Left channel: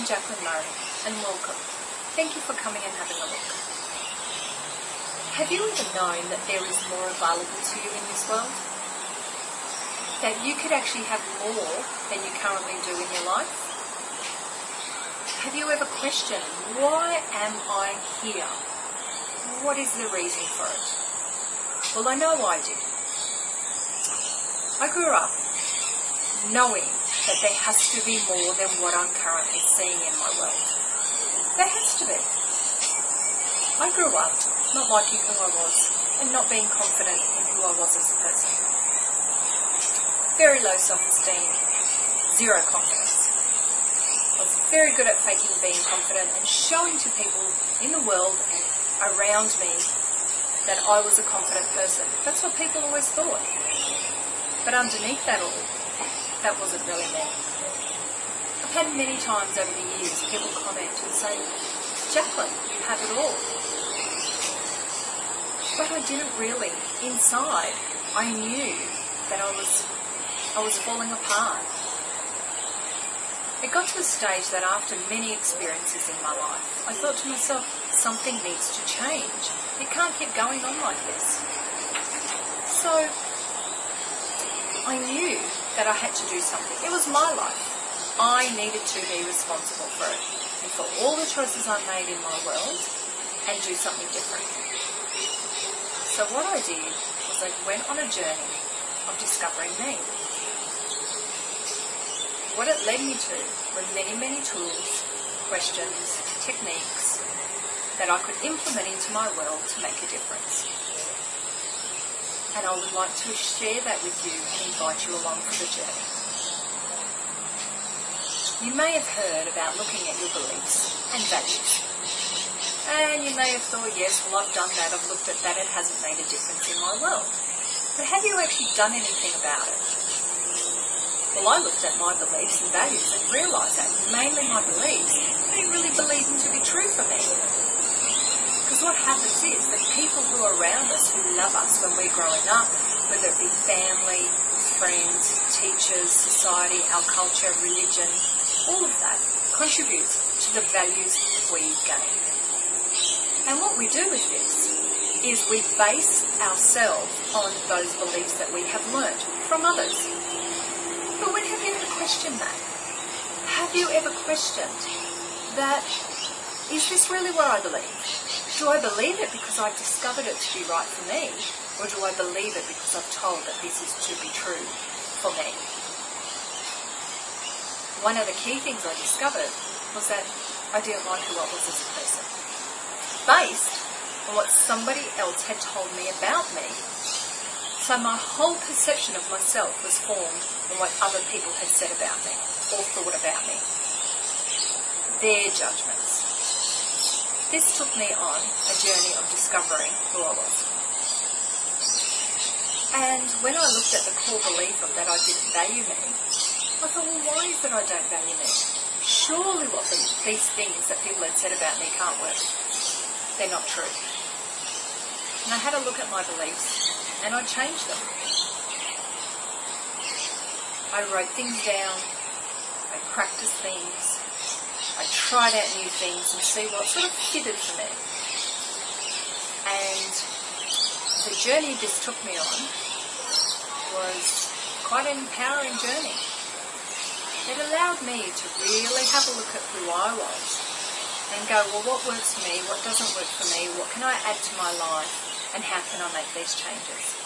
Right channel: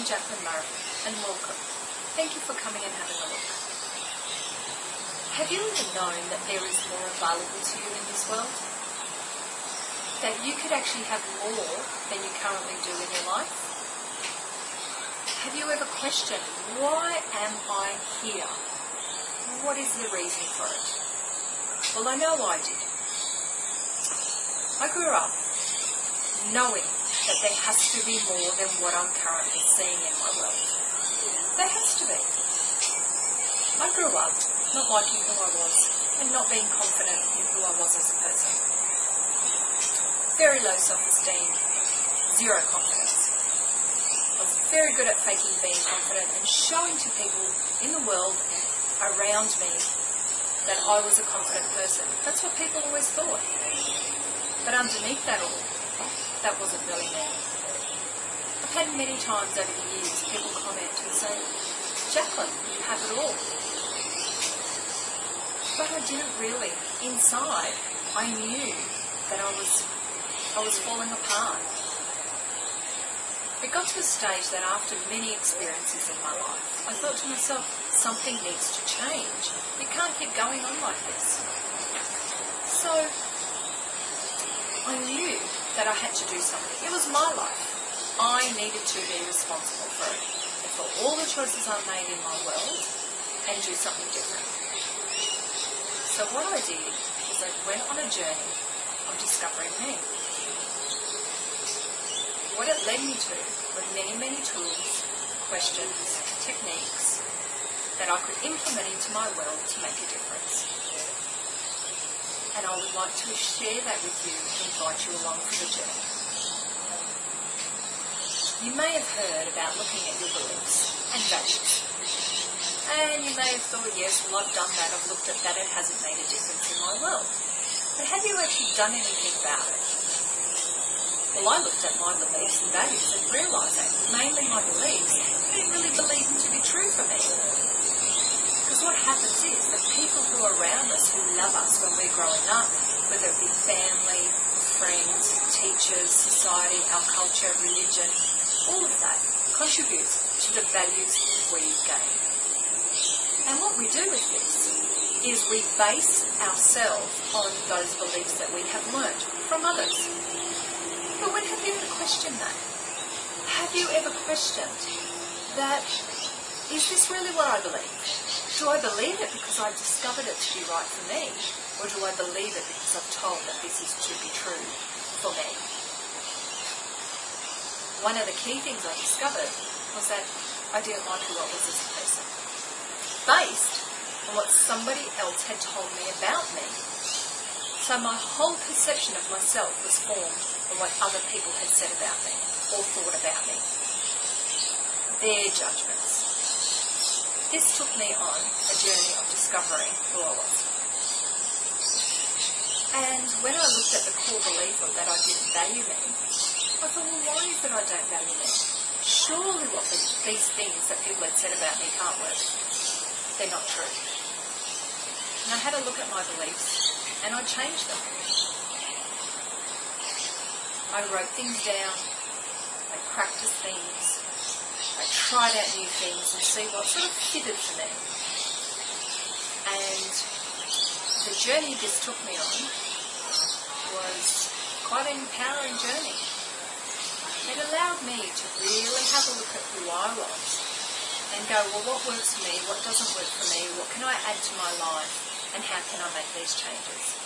I'm Jacqueline Murray, and welcome. Thank you for coming and having a look. Have you ever known that there is more available to you in this world? That you could actually have more than you currently do in your life? Have you ever questioned, why am I here? What is the reason for it? Well, I know I did. I grew up knowing that there has to be more than what I'm currently seeing in my world. There has to be. I grew up not liking who I was and not being confident in who I was as a person. Very low self-esteem, zero confidence. I was very good at faking being confident and showing to people in the world and around me that I was a confident person. That's what people always thought. But underneath that all, that wasn't really me. I've had many times over the years people comment and say, Jacqueline, you have it all. But I didn't really. Inside, I knew that I was falling apart. It got to a stage that after many experiences in my life, I thought to myself, something needs to change. It can't keep going on like this. So I knew that I had to do something. It was my life. I needed to be responsible for it and for all the choices I made in my world and do something different. So what I did was I went on a journey of discovering me. What it led me to were many, many tools, questions, techniques that I could implement into my world to make a difference. And I would like to share that with you and invite you along for the journey. You may have heard about looking at your beliefs and values. And you may have thought, yes, well, I've done that, I've looked at that, it hasn't made a difference in my world. But have you actually done anything about it? Well, I looked at my beliefs and values and realised that mainly my beliefs, I didn't really believe them to be true for me. Because what happens is that people who are around us, who love us when we're growing up, whether it be family, friends, teachers, society, our culture, religion, all of that contributes to the values we gain. And what we do with this is we base ourselves on those beliefs that we have learnt from others. But when have you ever questioned that? Have you ever questioned that, is this really what I believe? Do I believe it because I've discovered it to be right for me? Or do I believe it because I've told that this is to be true for me? One of the key things I discovered was that I didn't like who I was as a person, based on what somebody else had told me about me. So my whole perception of myself was formed on what other people had said about me or thought about me. Their judgments. This took me on a journey of discovering who I was. And when I looked at the core belief of that I didn't value me, I thought, well, why is it I don't value me? Surely these things that people had said about me can't work. They're not true. And I had a look at my beliefs and I changed them. I wrote things down, I practiced things, I tried out new things and see what sort of fitted for me. And the journey this took me on was quite an empowering journey. It allowed me to really have a look at who I was and go, well, what works for me, what doesn't work for me, what can I add to my life, and how can I make these changes?